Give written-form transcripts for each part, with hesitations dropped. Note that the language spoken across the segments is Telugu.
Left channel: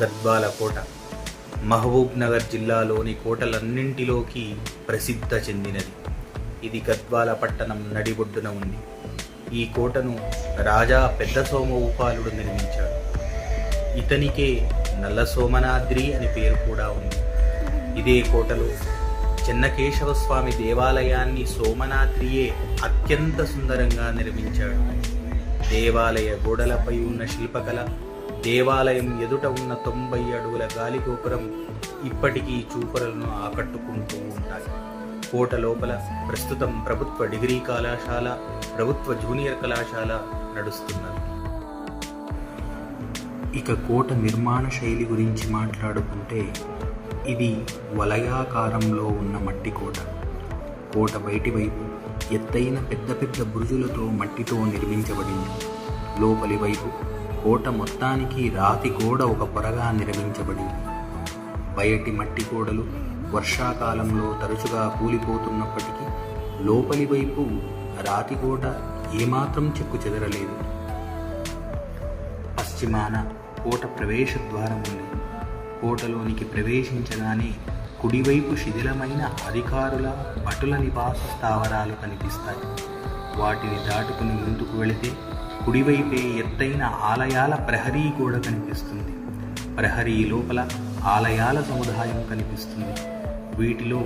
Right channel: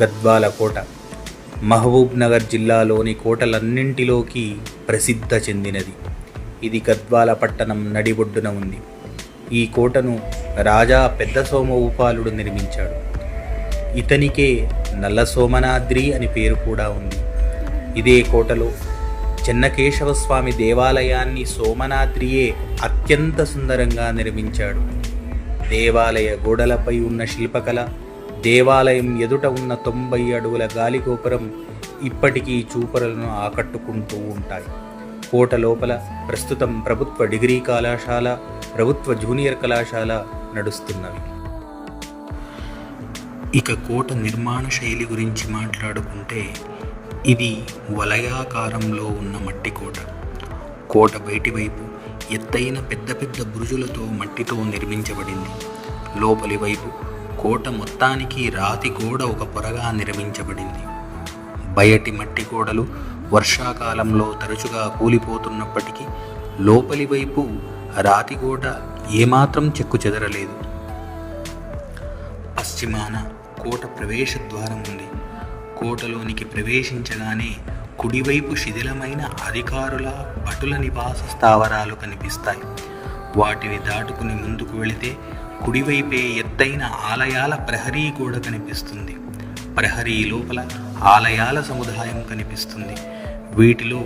గద్వాల కోట మహబూబ్ నగర్ జిల్లాలోని కోటలన్నింటిలోకి ప్రసిద్ధ చెందినది. ఇది గద్వాల పట్టణం నడిబొడ్డున ఉంది. ఈ కోటను రాజా పెద్ద సోమభూపాలుడు నిర్మించాడు. ఇతనికే నల్ల సోమనాద్రి అని పేరు కూడా ఉంది. ఇదే కోటలో చెన్నకేశవ స్వామి దేవాలయాన్ని సోమనాద్రియే అత్యంత సుందరంగా నిర్మించాడు. దేవాలయ గోడలపై ఉన్న శిల్పకళ, దేవాలయం ఎదుట ఉన్న 90 అడుగుల గాలిగోపురం ఇప్పటికీ చూపరులను ఆకట్టుకుంటూ ఉంటాయి. కోట లోపల ప్రస్తుతం ప్రభుత్వ డిగ్రీ కళాశాల, ప్రభుత్వ జూనియర్ కళాశాల నడుస్తున్నవి. ఇక కోట నిర్మాణ శైలి గురించి మాట్లాడుకుంటే ఇది వలయాకారంలో ఉన్న మట్టి కోట. కోట బయటి వైపు ఎత్తైన పెద్ద పెద్ద బురుజులతో మట్టితో నిర్మించబడింది. లోపలి వైపు కోట మొత్తానికి రాతి గోడ ఒక పొరగా నిర్మించబడింది. బయటి మట్టి గోడలు వర్షాకాలంలో తరచుగా కూలిపోతున్నప్పటికీ లోపలి వైపు రాతి గోడ ఏమాత్రం చెక్కు చెదరలేదు. పశ్చిమాన కోట ప్రవేశ ద్వారం ఉంది. కోటలోనికి ప్రవేశించగానే కుడివైపు శిథిలమైన అధికారుల భటుల నివాస స్థావరాలు కనిపిస్తాయి. వాటిని దాటుకుని ముందుకు వెళితే కుడివైపే ఎత్తైన ఆలయాల ప్రహరీ గోడ కనిపిస్తుంది. ప్రహరీ లోపల ఆలయాల సముదాయం కనిపిస్తుంది. వీటిలో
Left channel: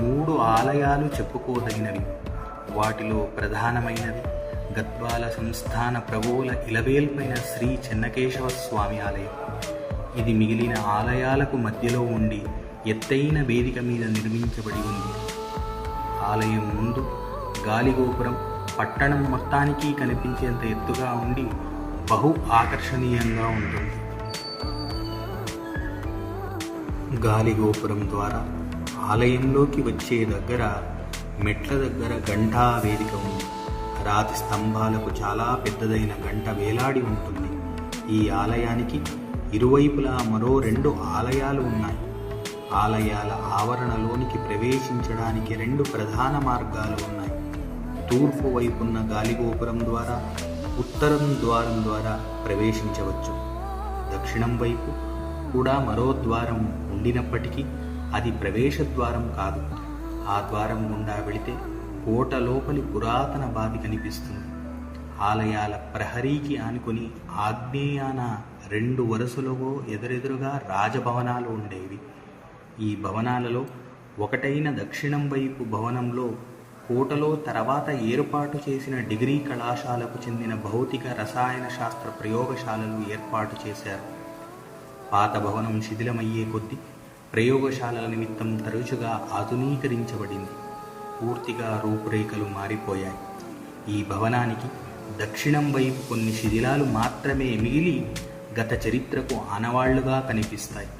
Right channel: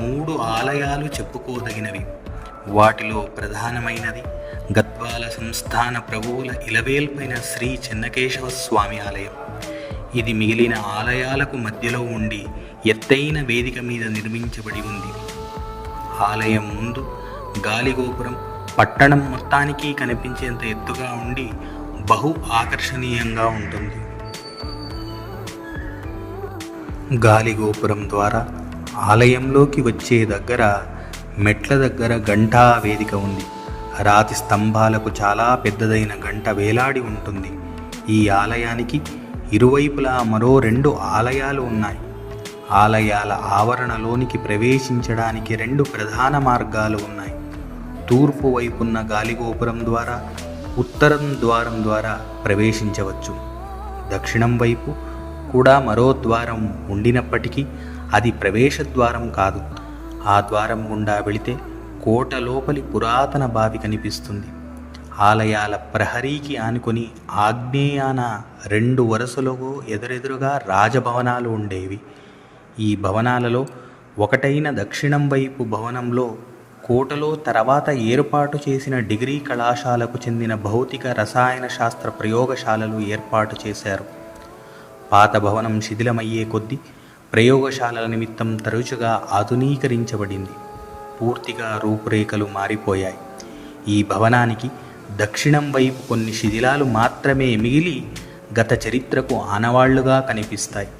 3 ఆలయాలు చెప్పుకోదగినవి. వాటిలో ప్రధానమైనది గద్వాల సంస్థాన ప్రభువుల ఇలవేల్పైన శ్రీ చెన్నకేశవ స్వామి ఆలయం. ఇది మిగిలిన ఆలయాలకు మధ్యలో ఉండి ఎత్తైన వేదిక మీద నిర్మించబడి ఉంది. ఆలయం ముందు గాలిగోపురం పట్టణం మొత్తానికి కనిపించేంత ఎత్తుగా ఉండి బహు ఆకర్షణీయంగా ఉంటుంది. గాలిగోపురం ద్వారా ఆలయంలోకి వచ్చే దగ్గర మెట్ల దగ్గర గంటా వేదిక ఉంది. రాతి స్తంభాలకు చాలా పెద్దదైన గంట వేలాడి ఉంటుంది. ఈ ఆలయానికి ఇరువైపులా మరో 2 ఆలయాలు ఉన్నాయి. ఆలయాల ఆవరణలోనికి ప్రవేశించడానికి 2 ప్రధాన మార్గాలు ఉన్నాయి. తూర్పు వైపున్న గాలిగోపురం ద్వారా, ఉత్తరం ద్వారం ద్వారా ప్రవేశించవచ్చు. దక్షిణం వైపు కూడా మరో ద్వారం ఉండినప్పటికీ అది ప్రవేశ ద్వారం కాదు. ఆ ద్వారం గుండా వెళితే కోట లోపలి పురాతన బావి కనిపిస్తుంది. ఆలయాల ప్రహరీకి ఆనుకొని ఆగ్నేయాన 2 వరుసలలో ఎదురెదురుగా రాజభవనాలు ఉండేవి. ఈ భవనాలలో ఒకటైన దక్షిణం వైపు భవనంలో కోటలో తర్వాత ఏర్పాటు చేసిన డిగ్రీ కళాశాలకు చెందిన భౌతిక రసాయన శాస్త్ర ప్రయోగశాలలు ఏర్పాటు చేశారు. పాత భవనం శిథిలమయ్యే కొద్దీ ప్రయోగశాలల నిమిత్తం తరచుగా ఆధునీకరించబడింది. పూర్తిగా రూపురేఖలు మారిపోయాయి. ఈ భవనానికి దక్షిణం వైపు కొన్ని శిథిలాలు మాత్రమే మిగిలి గత చరిత్రకు ఆనవాళ్లుగా కనిపిస్తాయి.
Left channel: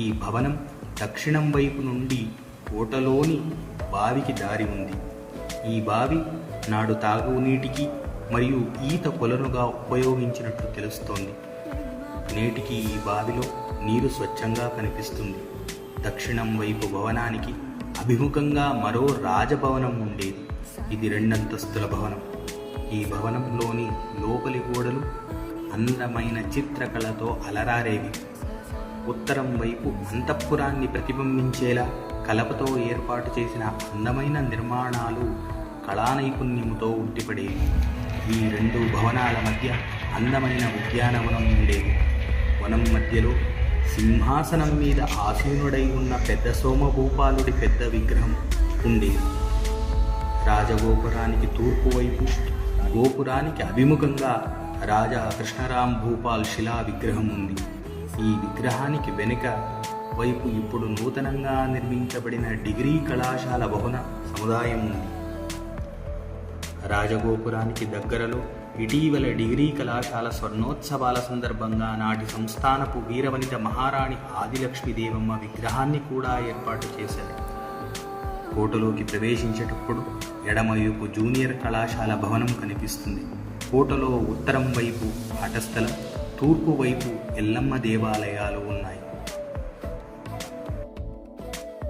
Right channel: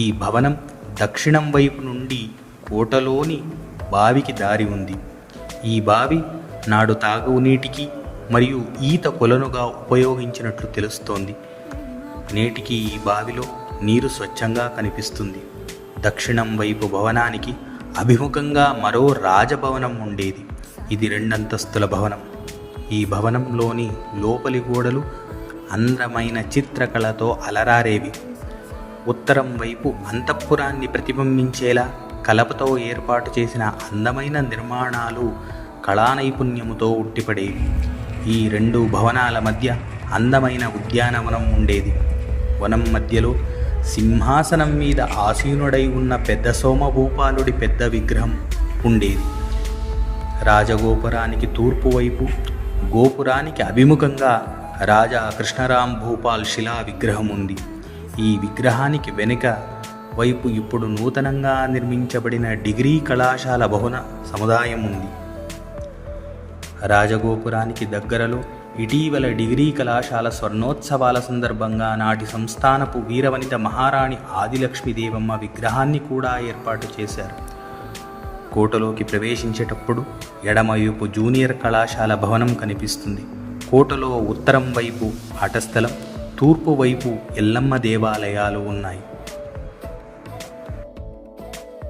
ఈ భవనం దక్షిణం వైపు నుండి కోటలోని బావికి దారి ఉంది. ఈ బావి నాడు తాగునీటికి మరియు ఈత కొలనుగా ఉపయోగించినట్లు తెలుస్తోంది. నేటికి ఈ బావిలో నీరు స్వచ్ఛంగా కనిపిస్తుంది. దక్షిణం వైపు భవనానికి అభిముఖంగా మరో రాజభవనం ఉండేది. ఇది 2 అంతస్తుల భవనం. ఈ భవనంలోని లోపలి గోడలు అందమైన చిత్రకళతో అలరారేవి. ఉత్తరం వైపు అంతఃపురాన్ని ప్రతిబింబించేలా కలపతో ఏర్పాటు చేసిన అందమైన నిర్మాణాలు కళా నైపుణ్యముతో ఉట్టిపడేవి. ఈ 2 భవనాల మధ్య అందమైన ఉద్యానవనం ఉండేది. వనం మధ్యలో సింహాసనం మీద ఆసీనుడై ఉన్న పెద్ద సోమభూపాలుడి పెద్ద విగ్రహం ఉండేది. రాజగోపురానికి తూర్పు వైపు గోపురానికి అభిముఖంగా రాజా కృష్ణరామ్ భూపాల్ శిలా విగ్రహం ఉంది. ఈ విగ్రహానికి వెనుక వైపు ఇప్పుడు నూతనంగా నిర్మించబడిన డిగ్రీ కళాశాల భవన సముదాయం ఉంది. రాజగోపురానికి దగ్గరలో ఇటీవల డిగ్రీ కళాశాల స్వర్ణోత్సవాల సందర్భంగా నాటి సంస్థానపు వీరవనిత మహారాణి ఆదిలక్ష్మీదేవమ్మ విగ్రహాన్ని కూడా ఏర్పాటు చేశారు. కోటలోకి ప్రవేశించేటప్పుడు ఎడమవైపు జూనియర్ కళాశాల భవనం కనిపిస్తుంది. కోటలో ఉత్తరం వైపు ఆటస్థలం, తూర్పు వైపు ఎల్లమ్మ దేవాలయాలు ఉన్నాయి.